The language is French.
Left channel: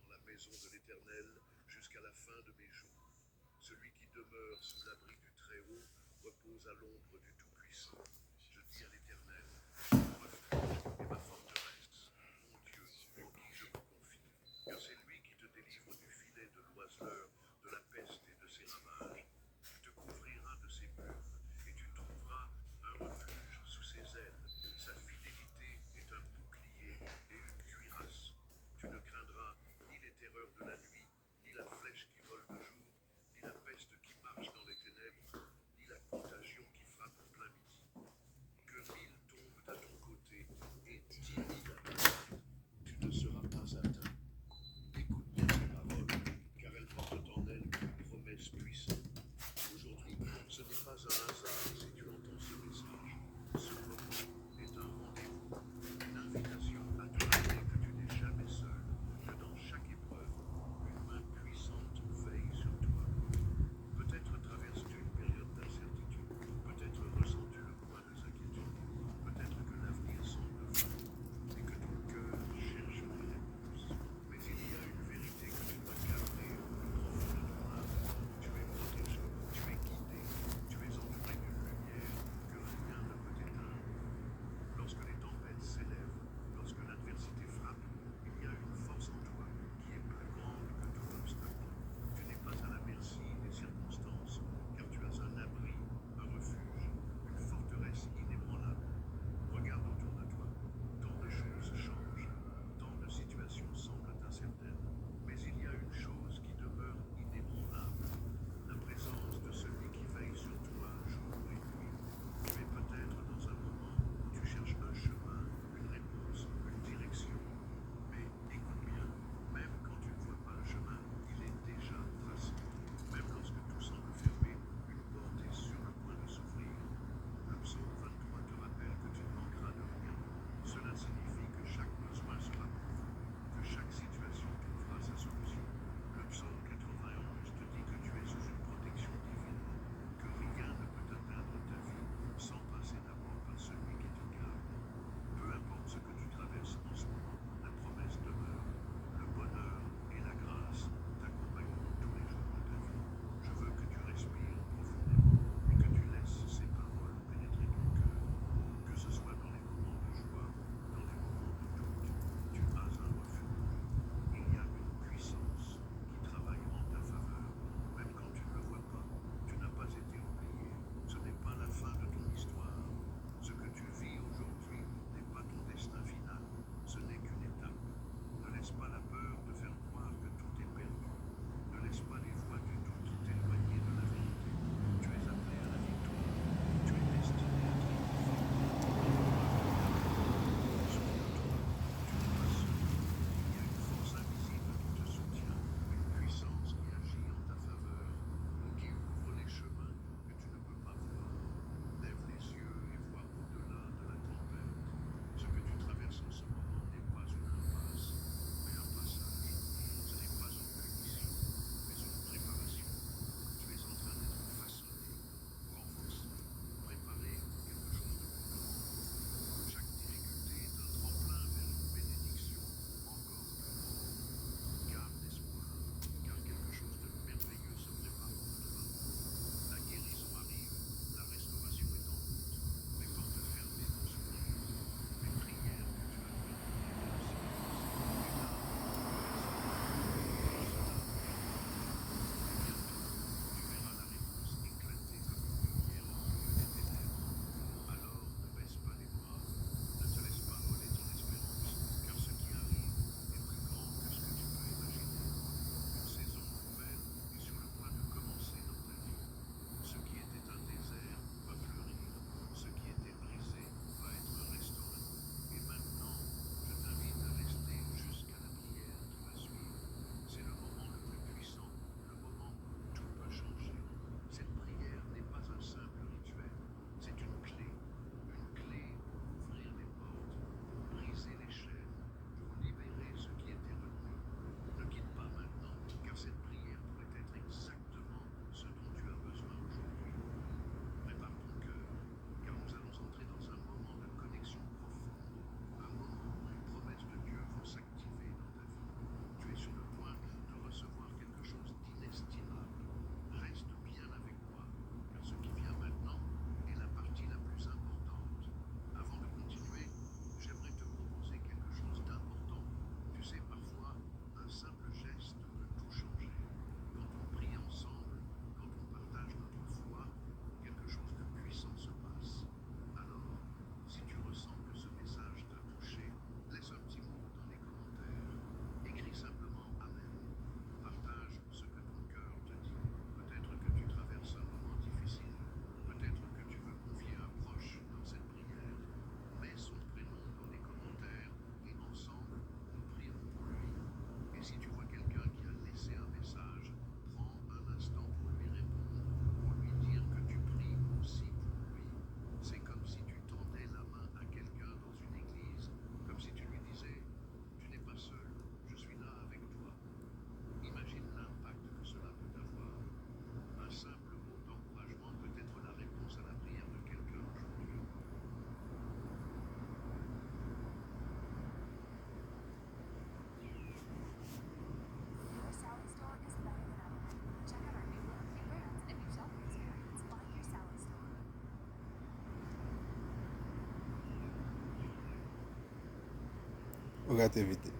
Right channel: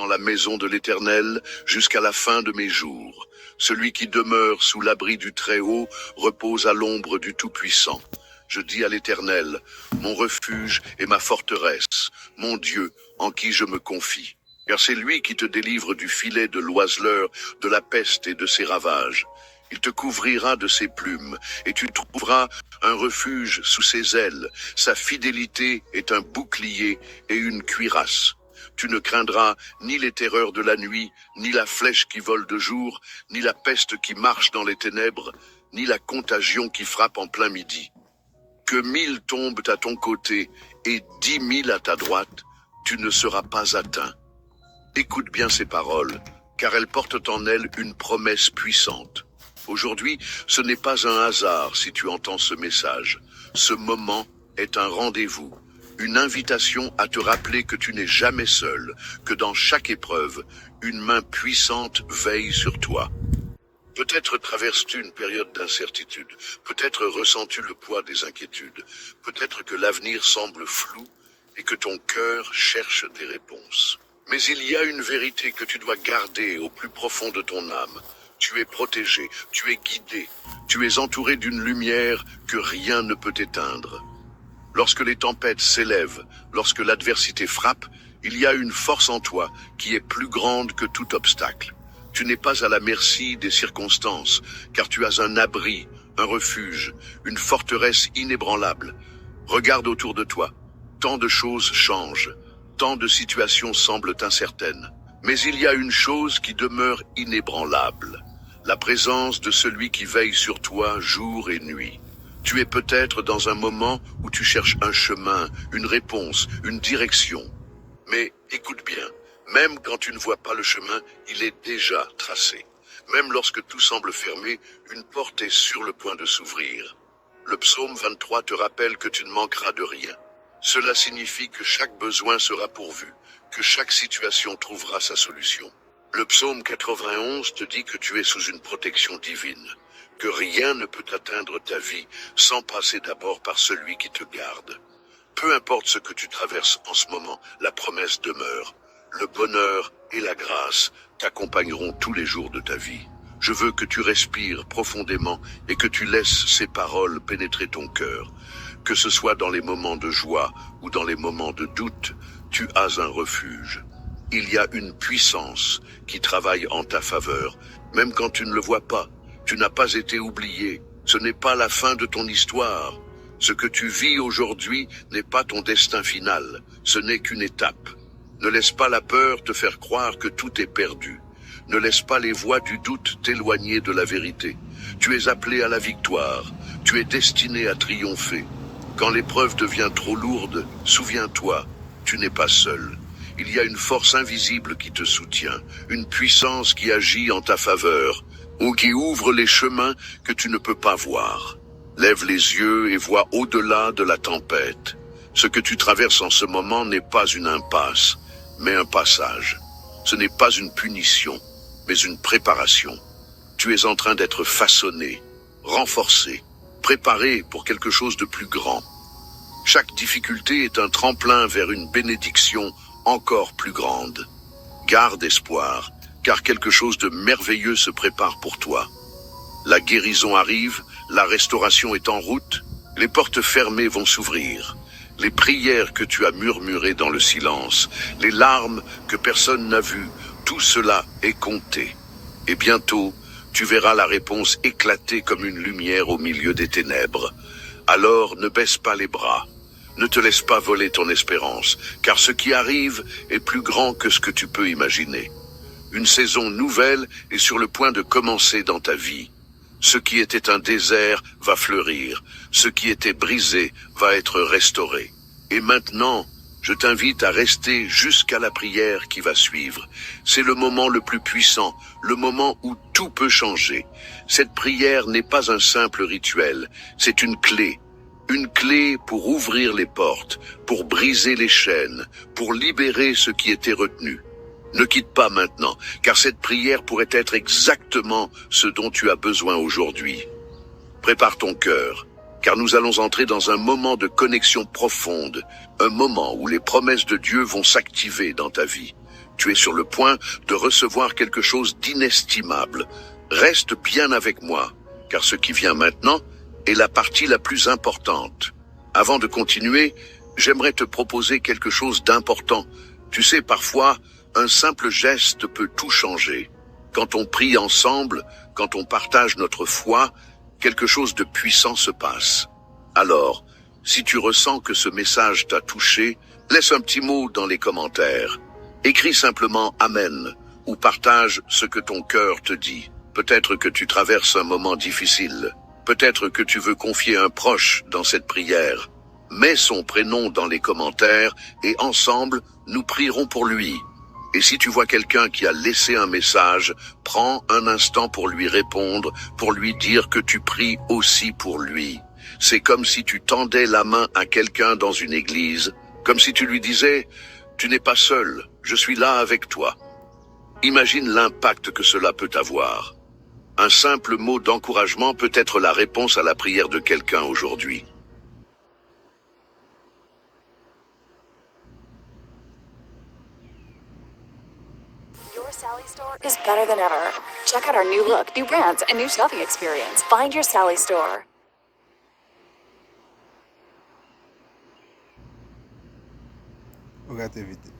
dans la maison de l'Éternel jusqu'à la fin de mes jours. Celui qui demeure sous l'abri du Très-Haut repose à l'ombre du Tout-Puissant. Je dis à l'Éternel, mon refuge et ma forteresse, mon Dieu, en qui je me confie. Car c'est lui qui te délivre du filet de l'oiseleur, de la peste et de ses ravages. Il te couvrira de ses plumes, et tu trouveras un refuge sous ses ailes. Sa fidélité est un bouclier et une cuirasse. Tu ne craindras ni les terreurs de la nuit, ni la flèche qui vole de jour, ni la peste qui marche dans les ténèbres, ni la contagion qui frappe en plein midi. Que 1000 tombent à ton côté et 10 000 à ta droite, tu ne seras pas atteint. Écoute bien ces paroles, car elles portent en elles une promesse puissante. Aujourd'hui, ce n'est pas un hasard si tu entends ce message. Ce moment est un rendez-vous, une invitation à te rappeler que tu n'es jamais seul, que dans chaque épreuve, une main puissante veille sur toi. Peut-être traverses-tu une période d'incertitude, peut-être ressens-tu le poids des inquiétudes, peut-être que l'avenir semble flou et que ton cœur cherche des réponses. Mais il y a une vérité que tu dois garder au plus profond de ton âme. Tu es protégé, tu es guidé, tu es entouré d'une lumière que rien ne peut éteindre. Lorsque les tempêtes s'élèvent, lorsque l'adversité frappe, il y a une force en toi qui est plus grande que tout obstacle. Tu n'es pas à la merci des circonstances, car tu as un abri, un refuge, une forteresse inébranlable. Regarde autour de toi. Tant de choses changent, tant de situations semblent incertaines. Mais il y a une chose qui demeure inébranlable. La présence de celui qui veille sur toi jour et nuit. Tu es peut-être dans un moment où tu cherches un chemin, une réponse, une direction. Mais écoute bien, même quand tu ne vois pas le chemin, il est déjà tracé. Même lorsque tout semble fermé, une porte est sur le point de s'ouvrir. Le psaume 23 te rappelle que tu ne manqueras de rien. Cela signifie que chaque besoin sera pourvu, que chaque situation trouvera sa solution. Le psaume 91 te dit que tu es sous une protection divine, que rien ne peut atteindre ta vie sans passer d'abord par celui qui te garde. Peu importe ce que tu traverses en ce moment, la promesse demeure. Le bonheur et la grâce t'accompagneront tous les jours de ta vie. Je veux que tu respires profondément et que tu laisses ces paroles pénétrer ton cœur. Que ce soit dans les moments de joie ou dans les moments de doute, tu as un refuge. Il y a une puissance qui travaille en ta faveur, même quand tu ne le vois pas. Tu n'as pas été oublié. Ce n'est pas la fin de ton histoire. Ce que tu vis aujourd'hui n'est pas ton destin final. Ce n'est qu'une étape. Ne laisse pas la peur te faire croire que tout est perdu. Ne laisse pas les voix du doute t'éloigner de la vérité. Tu es appelé à la victoire. Tu es destiné à triompher. Quand l'épreuve devient trop lourde, souviens-toi, tu n'es pas seul. Il y a une force invisible qui te soutient, une puissance qui agit en ta faveur, ou qui ouvre les chemins que tu ne peux pas voir. Lève les yeux et vois au-delà de la tempête. Ce que tu traverses en ce moment n'est pas une impasse, mais un passage. Ce n'est pas une punition, mais une préparation. Tu es en train d'être façonné, renforcé, préparé pour quelque chose de plus grand. Chaque difficulté est un tremplin vers une bénédiction encore plus grande. Garde espoir, car quelque chose de merveilleux se prépare pour toi. La guérison arrive, la restauration est en route, les portes fermées vont s'ouvrir. Les prières que tu as murmurées dans le silence, les larmes que personne n'a vues, tout cela est compté. Et bientôt, tu verras la réponse éclater comme une lumière au milieu des ténèbres. Alors ne baisse pas les bras. Ne te laisse pas voler ton espérance, car ce qui arrive est plus grand que ce que tu peux imaginer. Une saison nouvelle est sur le point de commencer dans ta vie. Ce qui était un désert va fleurir. Ce qui était brisé va être restauré. Et maintenant, je t'invite à rester jusqu'à la prière qui va suivre. C'est le moment le plus puissant, le moment où tout peut changer. Cette prière n'est pas un simple rituel, c'est une clé. Une clé pour ouvrir les portes, pour briser les chaînes, pour libérer ce qui était retenu. Ne quitte pas maintenant, car cette prière pourrait être exactement ce dont tu as besoin aujourd'hui. Prépare ton cœur, car nous allons entrer dans un moment de connexion profonde, un moment où les promesses de Dieu vont s'activer dans ta vie. Tu es sur le point de recevoir quelque chose d'inestimable. Reste bien avec moi, car ce qui vient maintenant est la partie la plus importante. Avant de continuer, j'aimerais te proposer quelque chose d'important. Tu sais, parfois, un simple geste peut tout changer. Quand on prie ensemble, quand on partage notre foi, quelque chose de puissant se passe. Alors, si tu ressens que ce message t'a touché, laisse un petit mot dans les commentaires. Écris simplement Amen ou partage ce que ton cœur te dit. Peut-être que tu traverses un moment difficile. Peut-être que tu veux confier un proche dans cette prière. Mets son prénom dans les commentaires et ensemble, nous prierons pour lui. Et si tu vois quelqu'un qui a laissé un message, prends un instant pour lui répondre, pour lui dire que tu pries aussi pour lui. C'est comme si tu tendais la main à quelqu'un dans une église, comme si tu lui disais « Tu n'es pas seul, je suis là avec toi ». Imagine l'impact que cela peut avoir. Un simple mot d'encouragement peut être la réponse à la prière de quelqu'un aujourd'hui. Your Sally store is better than ever. Check out our new look, new brands, and new shopping experience. Find your Sally store. Regarde vite.